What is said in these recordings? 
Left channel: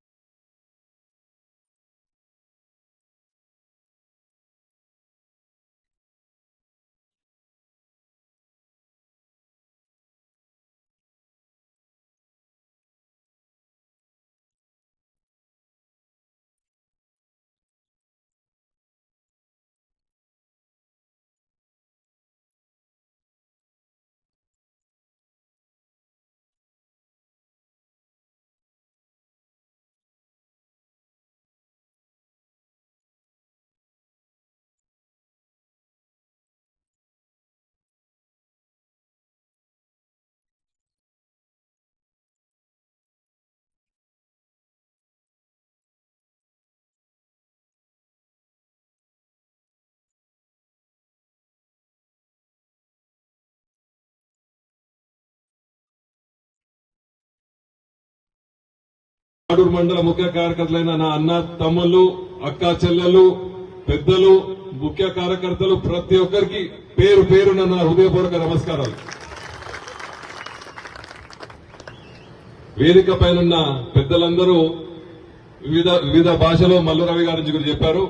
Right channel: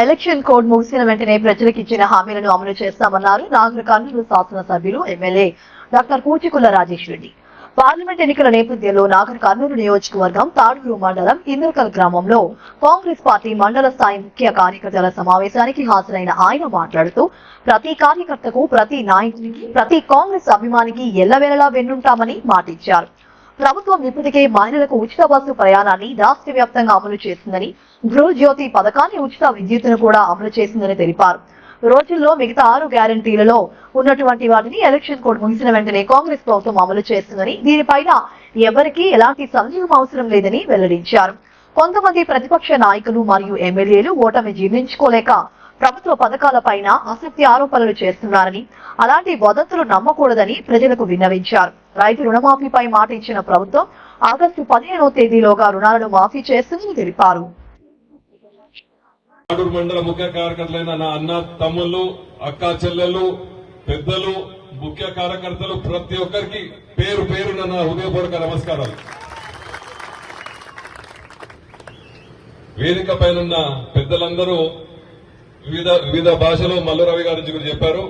Election code ముగిసిన వెంటనే ప్రజలకు ఇచ్చిన హామీలను అమలు చేస్తామన్నారు నాగర్ కర్నూలు శాసనసభ్యులు MLA doctor Kuchikulla Rajesh Reddy. Parliament ఎన్నికల నేపథ్యంలో నాగర్ కర్నూలు నియోజకవర్గం తాడూరు మండలం ఇంద్రకల్ గ్రామంలో కాంగ్రెస్ పార్టీ మండల స్థాయి ముఖ్య కార్యకర్తల సమావేశానికి హాజరైన ఆయన మాట్లాడుతూ ప్రతి కార్యకర్తకు ప్రతి నాయకునికి ప్రతి కాంగ్రెస్ అభిమానికి ఎల్లవేళలా వెన్నుంటామని మాటిచ్చారు. ప్రభుత్వం ఇప్పటికే మహిళలకు ఉచిత బస్సు ప్రయాణాన్ని రాష్ట్ర వ్యాప్తంగా అమలు చేసిందని గృహజ్యోతి పథకాన్ని ఉచిత విద్యుత్తును కూడా అమలు చేసిందని తెలిపారు. రోజుల్లో మిగతా ఆరు గ్యారంటీలలో ఉన్నటువంటి వాటిని ఎలక్షన్ కోడ్ ముగిసిన వెంటనే కాంగ్రెస్ ప్రభుత్వం అమలు చేస్తుందని దీనిపైన ఎవరికీ ఎలాంటి సందేహం అవసరం లేదని వెల్లడించారు. కొంతమంది ప్రతిపక్ష నాయకులు మరియు ఎమ్మెల్యేలు ఓటమి జీర్ణించుకోలేక ప్రభుత్వ పథకాలపైన అసత్య ఆరోపణలు చేస్తున్నారని అలాంటి వదంతులు నమ్మకూడదని ప్రజలకు విన్నవించారు. రైతు రుణమాఫీపై మాట ఇచ్చిన ప్రభుత్వం ఆగస్టు పదిహేనవ తేదీలోగా రుణాలను మాఫీ చేస్తుందని తెలిపారు. ఆడూరు మండల ముఖ్య కార్యకర్తలైన నా అన్న తమ్ముళ్ళు అక్క చెల్లెలు పెద్దలు ముఖ్య కార్యకర్తలు ప్రతి ఒక్కరికి పేరు పేరున నా హృదయపూర్వక నమస్కారాలు. వేదిక పైన పెద్దలందరూ వివిధ వివిధ భాషలో మల్లురవి గారి గురించి చెప్పారు.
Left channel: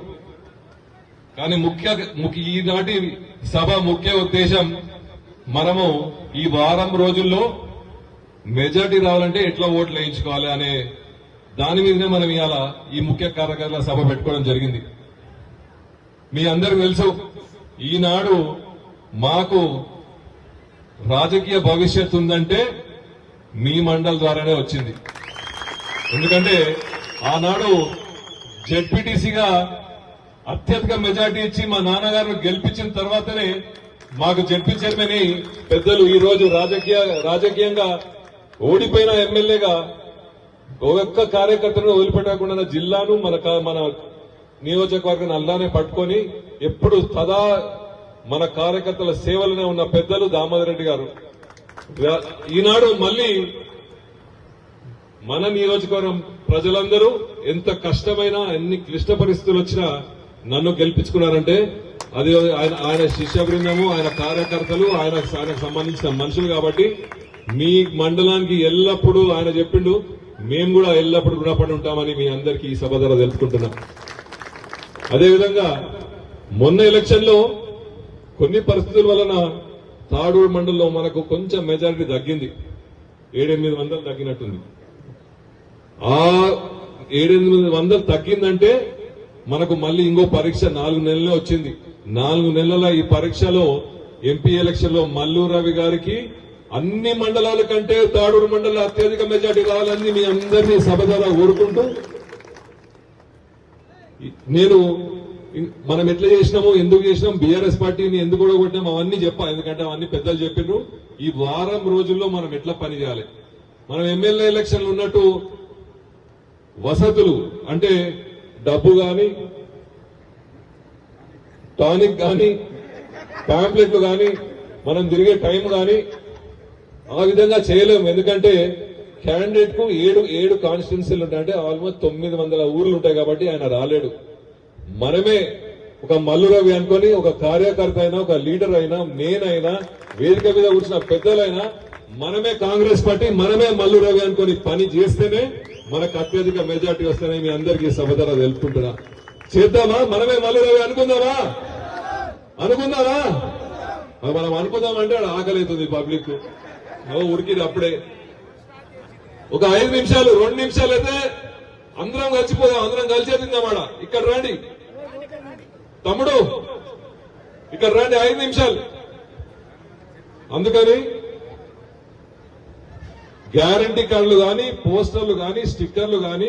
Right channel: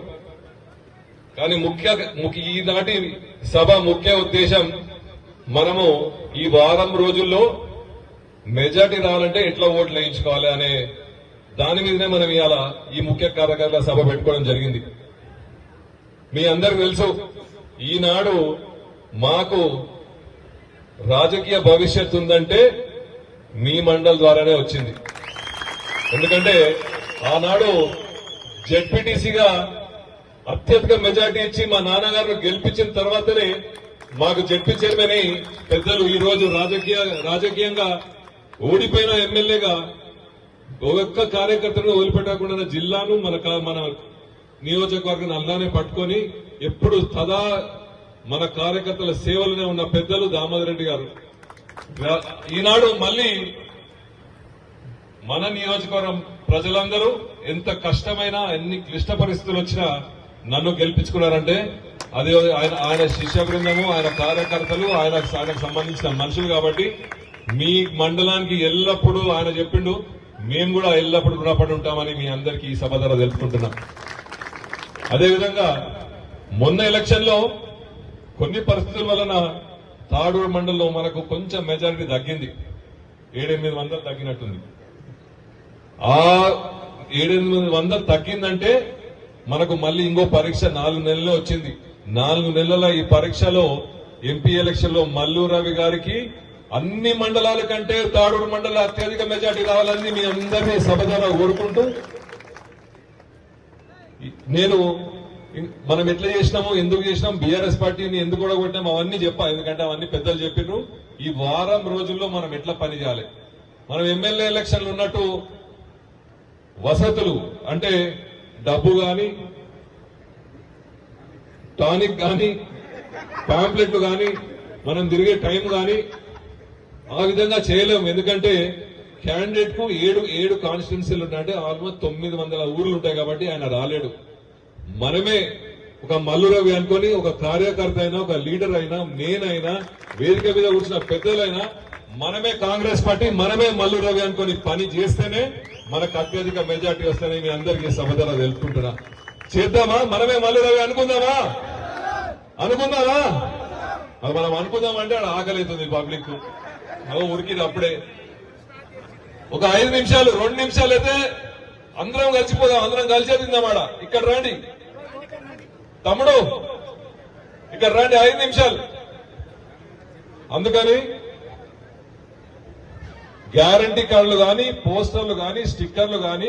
కానీ ముఖ్య ముఖ్య ఈనాటి సభ ముఖ్య ఉద్దేశం మనము ఈ వారం రోజుల్లో మెజార్టీ రావాలంటే ఎట్లా ఓట్లు వేయించుకోవాలి అనే దాని మీదనే మనం ఇవాళ ఈ ముఖ్య కార్యకర్తల సభ పెట్టుకోవడం జరిగింది. మీ అందరికి తెలుసు ఈనాడు మాకు రాజకీయ భవిష్యత్తు ఉందంటే మీ మండల్ ద్వారానే వచ్చింది. ఎందుకంటే ఆనాడు జెడ్పీటీసీగా అత్యధిక మెజార్టీ ఇచ్చి మా నాన్నగారిని గెలిపించిన తర్వాతనే మాకు జడ్పీ చైర్మన్ పెద్దలు ఈ రోజు రాజకీయ రాజకీయంగా ఓడిపోయిన ఎమ్మెల్యేగా ఒక్క కార్యకర్తను వదిలిపెట్టకుండా జిల్లాను మన మన నియోజకవర్గం అల్లానే పట్టుకొని ఎప్పుడు సదా మన కార్యకర్తల సేవలనే ఉన్న పెద్దలు దామోదర్ రెడ్డి గారు. ఈనాడు మళ్ళీ మన నియోజకవర్గం ప్రజలందరూ ఎంత కష్టమైన ఎన్ని క్లిష్ట పరిస్థితులు వచ్చినా నన్ను గెలిపించుకున్నారంటే అది ఆయన ఆయన శిష్య బృందము ఆయన కార్యకర్తలు ఆయన ఆయనకు సంబంధించిన మనుషులు కాబట్టి మీ మండలానికి ఎల్లప్పుడూ ఆయన చెప్పిండు మేము కూడా ఎల్లప్పుడూ రుణపడి ఉంటామని మీ అందరికీ ఈ సభ ద్వారా తెలుపుకుంటున్నాం. అదేవిధంగా మొన్న ఎలక్షన్లో కొన్ని పరిస్థితుల వలన తాడూరు మండలంలో మనకు కొంచెం మెజారిటీ తగ్గింది. ఏడెనిమిది వందలు తగ్గినట్టుంది. ఆ ఏడెనిమిది వందలు తగ్గిందంటే మనకు మళ్ళీ ఇంకో పరీక్ష నాలుగు నెలల్లో వచ్చింది. నాలుగు నెలల ఈ పరీక్షలో ఎంపీ ఎలక్షన్లో మల్లు రవి గారికి అన్ని మండలాల కంటే తాడూరు మండల అత్యధిక మెజార్టీ కావాలని మీ అందరినీ సభ ద్వారా కోరుకుంటూ నేను మనం ఎట్లా చేసినాము ఎందుకు చేసినాం బీఆర్ఎస్ పార్టీని ఎందుకు కూడా కొట్టాం అవన్నీ చెప్పా ఎందుకంటే అవన్నీ పెద్దలు చెప్పిర్రు. ఈ వారం రోజుల్లో మనం ఎట్లా పని చేయాలి? మనం ఎమ్మెల్యే ఎలక్షన్లు ఉన్నట్టు వసతులు అంటే డబ్బు గాని టానిక్ గాని పాంప్లెట్లు గాని మనం తిరిగే టైం కానీ ఆ విధంగా చేయలేము. ఎందుకంటే క్యాండిడేట్కు ఏడు ఏడు కాన్స్టిట్యున్సీలు ఉంటాయి. అంటే ఆల్మోస్ట్ తొమ్మిది వందల ఊర్లు ఉంటాయి కాబట్టి ఆయన రాలేడు. మనమే ఒక మల్లురవి అనుకొని ఒక కార్యకర్త అయినా ఒక లీడర్ అయినా నేనైనా వేదిక మీద కూర్చున్న పెద్దలైనా మనమే కాంగ్రెస్ పార్టీ మనమే మల్లురవి అనుకొని పని చేస్తేనే మనకు అత్యధిక మెజార్టీ వస్తుందని మీ అందరికీ సభ తెలుపుకుంటున్నా. చేద్దామా? మనమే మల్లురవి అనుకుందామా? అనుకుందామా? మరి మనం అనుకుందామంటే ఆడ ఆకలి అవుతుంది పబ్లిక్. ఉరికిది అప్పుడే. ఒక ఐదు నిమిషాలు రెండు నిమిషాలు అయితే అందరం కలిసిపోదాం అందరం కలిసే తిందామాడ ఇక్కడ రండి. తమ్ముడు ఇక్కడ రండి ఐదు నిమిషాలు. అందుకని గ్యారంటీ కార్డులు గాని పోస్టర్లు గాని స్టిక్కర్లు గాని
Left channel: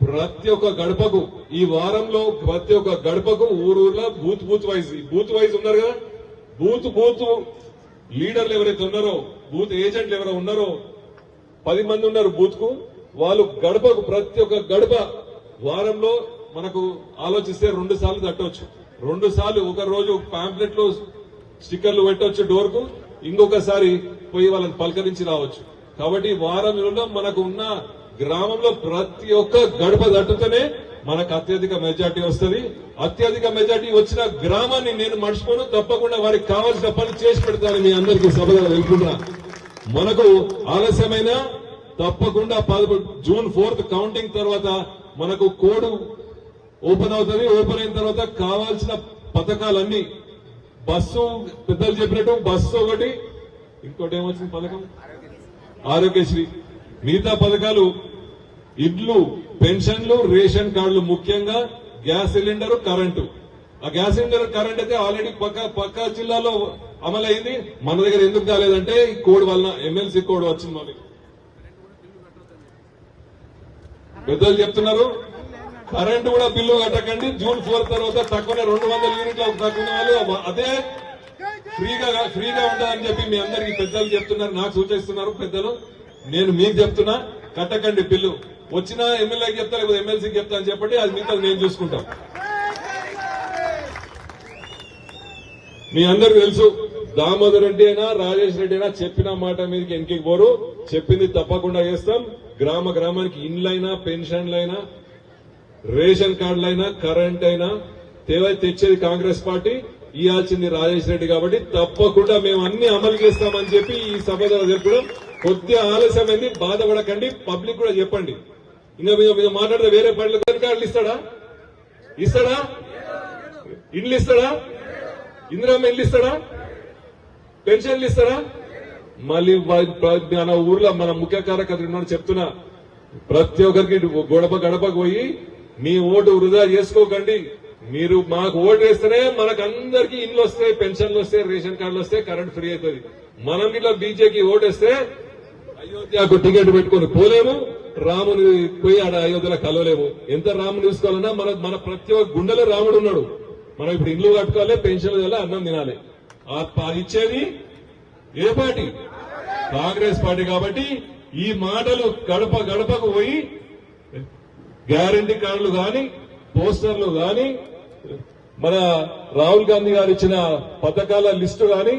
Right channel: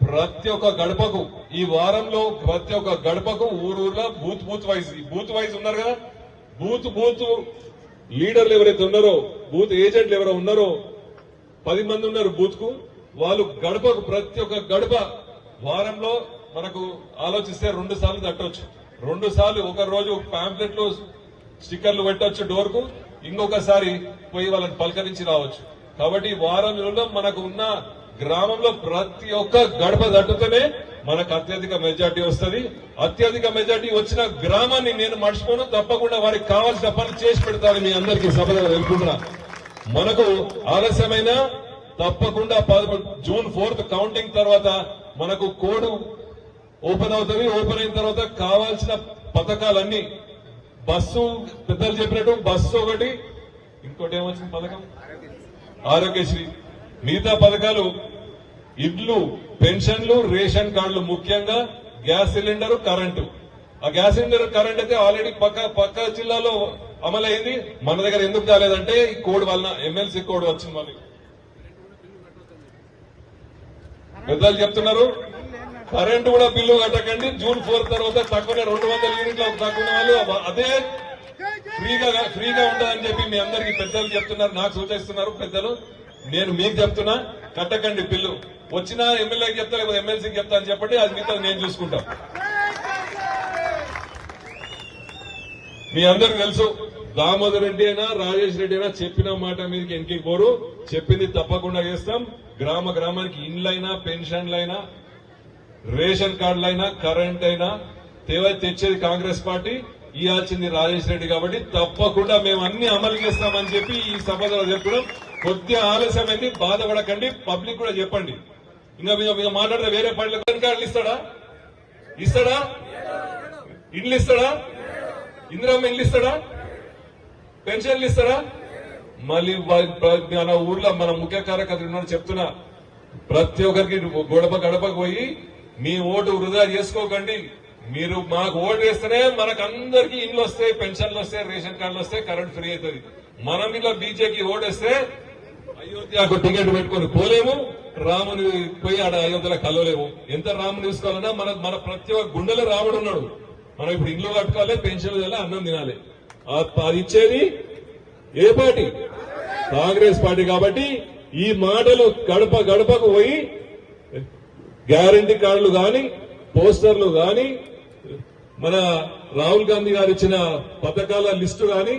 ప్రతి ఒక్క గడపకు ఈ వారంలో ప్రతి ఒక్క గడపకు ఊరూర్లో బూత్ బూత్ వైజ్ ఈ బూత్ వైజ్ ఉన్నారు కదా? బూత్ బూత్ లీడర్లు ఎవరైతే ఉన్నారో బూత్ ఏజెంట్లు ఎవరైతే ఉన్నారో పది మంది ఉన్నారు బూత్కు వాళ్ళు గడపకు ప్రతి ఒక్క గడప వారంలో మనకు ఆలోచిస్తే రెండు సార్లు తట్టవచ్చు రెండు సార్లు ఒక రోజు పాంప్లెట్లో స్టిక్కర్లు పెట్టవచ్చు డోర్కు ఇంకొకసారి పోయి వాళ్ళని పలకరించి రావచ్చు. కాబట్టి వారం వారంలో మనకు ఉన్న గ్రామంలో ప్రతి ఒక్క గడప తట్టుతేనే మనకు అత్యధిక మెజార్టీ వస్తుంది. అత్యధిక మెజార్టీ వచ్చిన గ్రామాన్ని నేను మర్చిపోను. తప్పకుండా వారికి కావాల్సిన పని చేసి పెడతాను మీ అందరికీ సభలో వెళ్తున్నా మనకు ఆలస్యమైన తప్పకుండా జూన్ ఫోర్త్ కౌంటింగ్ తర్వాత మనకు కోడ్ ఓపెన్ అవుతుంది. ఓపెన్ అయిన తర్వాత కావాల్సిన పథకాలన్నీ బస్సు పెద్దలు చెప్పినట్టు బస్సు ఒకటి ఇంకోటి ఏమొచ్చింది పథకం? ఆరోగ్యశ్రీ. మిగతా పథకాలు ఇడ్లు పెన్షన్లు రేషన్ కార్డులు ముఖ్యంగా గ్యాస్ సిలిండర్ కరెంటు. ఆ గ్యాస్ సిలిండర్ కరెంట్ అయితే ఆల్రెడీ పక్క పక్క జిల్లాలో అమలైంది. మన దగ్గర ఎందుకు కాలేదంటే ఈ కోడ్ వలన ఎమ్మెల్సీ కోడ్ వచ్చింది మనకి పెద్దలు చెప్తున్నారు కరెంటు కూడా బిల్లు కట్టకండి. జూన్ ఫోర్ తర్వాత తక్కువనే రెండు వందల యూనిట్ల తక్కువ వాళ్ళు. అదే ఫ్రీగా ఫ్రీగా ఉండదని చెప్పి మీ అందరికి పెద్దలు చెప్తున్నారు నాకు సూచిస్తున్నారు పెద్దలు. నేను మీకు చెప్తున్నా కట్టకండి బిల్లు వచ్చిన ఎమ్మెల్యేకి చెప్తా లేకపోతే ఎమ్మెల్సీకి చెప్తా అని చెప్పండి అది మిగతా నేను చూసుకుంటాం. మీ అందరు తెలుసు దామోదర్ రెడ్డి అయినా రాజేష్ రెడ్డి అయినా చెప్పిన మాట మీదకి ఎంకి పోరు. చెప్పింది తప్పకుండా చేస్తాం. గ్రామ గ్రామానికి ఇండ్లైనా పెన్షన్లైనా రేషన్ కార్డులైనా కరెంట్ అయినా తేవై తెచ్చేది కాంగ్రెస్ పార్టీ ఇవ్వాల్సింది రాజేష్ రెడ్డి కాబట్టి తప్పకుండా మేము అన్ని అమలు చేస్తామని చెప్పి ఈ సభ ద్వారా చెప్పడం కొద్దిగా ఆలస్యమైంది బాధపడకండి పబ్లిక్ కూడా చెప్పండి. ఇంకా మీద మీరు మాట్లాడితే వేరే పనులు కనుక అట్లా ఇస్తాడా? ఇస్తాడా? ఇల్లు ఇస్తాడా? ఇందిరమ్మ ఇల్లు ఇస్తాడా? పెన్షన్లు ఇస్తాడా? మళ్ళీ మన ఊర్లో మన ముఖ్య కార్యకర్తలు ఉన్నారు చెప్తున్నా. ప్రతి ఒక్కరికి గడప గడపకు పోయి మీ ఓటు వృధా చేసుకోకండి. మీరు మాకు ఓటు వేస్తేనే మనకు అందరికీ ఇల్లు వస్తాయి పెన్షన్లు వస్తాయి రేషన్ కార్డులు వస్తాయి కరెంట్ ఫ్రీ అవుతుంది. మనం ఇట్లా బీజేపీ ఓటు వేస్తే అయోధ్యకు టికెట్ పెట్టుకొని పోలేము. రాముని పోయి ఆడ అయోధ్యలో కలవలేము. ఎంత రాముని తీసుకోవాలన్నా మన మన ప్రతి ఒక్క గుండెలో రాముడు ఉన్నాడు. మనం ఇప్పుడు ఇల్లు కట్టుకోవాలి పెన్షన్ ఇవ్వాలి అన్నం తినాలి. అది ఇచ్చేది ఏ పార్టీ? కాంగ్రెస్ పార్టీ కాబట్టి ఈ మాటలు గడప గడపకు పోయి గ్యారంటీ కార్డులు కానీ పోస్టర్లు కాని మన రాహుల్ గాంధీ గారు ఇచ్చిన పథకాల లిస్టు కానీ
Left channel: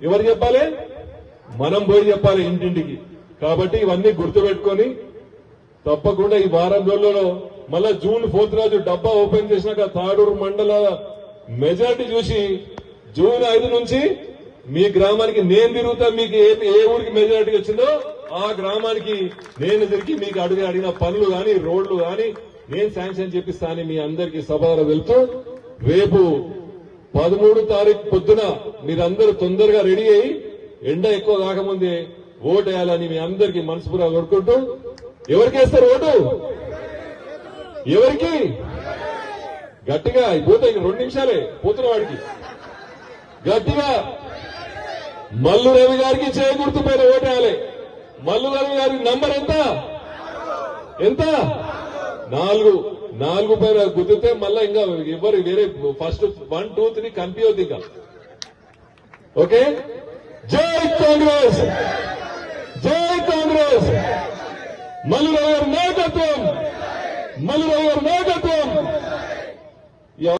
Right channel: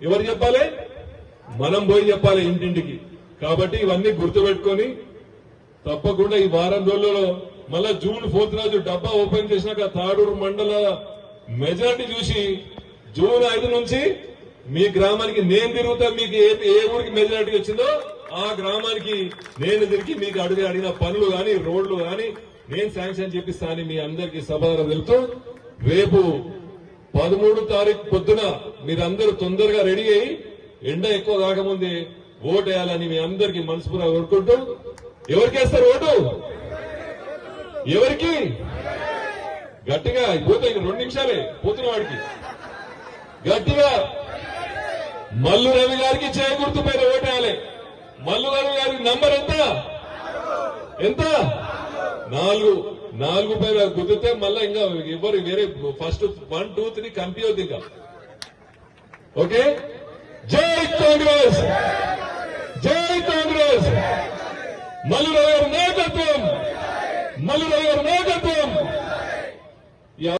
ఎవరు చెప్పాలి? మనం పోయి చెప్పాలి ఇంటింటికి. కాబట్టి ఇవన్నీ గుర్తుపెట్టుకొని తప్పకుండా ఈ వారం రోజులలో మళ్ళా జూన్ ఫోర్త్ రోజు డబ్బా ఓపెన్ చేసినాక తాడూరు మండల మెజారిటీ చూసి జూన్ ఐదు నుంచి మీ గ్రామానికి నేను తిరుగుతా మీకు ఏ ఊరికి మెజారిటీ వచ్చిందో ఆ గ్రామానికి నేను తిరిగి మీకు అడిగి అడిగిన పనులు కానీ రోడ్లు కానీ నేను శాంక్షన్ చేపిస్తా అని మీ అందరికి సభలో వెళ్తూ రేపు పదమూడు తారీఖు పొద్దున మీరందరూ తొందరగా రెడీ అయ్యి ఎండ ఎక్కువ కాకముందే ఓటు వేయాలని మీ అందరికి మనస్ఫూర్తిగా కోరుకుంటూ ఎవరికి వేస్తారు ఓటు? ఎవరికి? గట్టిగా పోతే రెండు నిమిషాలే పోతున్న వాడికి. గట్టిగా మల్లు రవి గారికి చేకూర్తు పైన ఓటేయాలి. మల్లు రవి గారి నంబర్ ఎంత? ఎంత? నాలుగు. నాలుగు పైన గుద్దితే మళ్ళా ఇంకా ఎవరు వేరే first one two three computer ఇంకా. ఓకే? జై కాంగ్రెస్ జై కాంగ్రెస్ మల్లు రవి గారి నాయకత్వం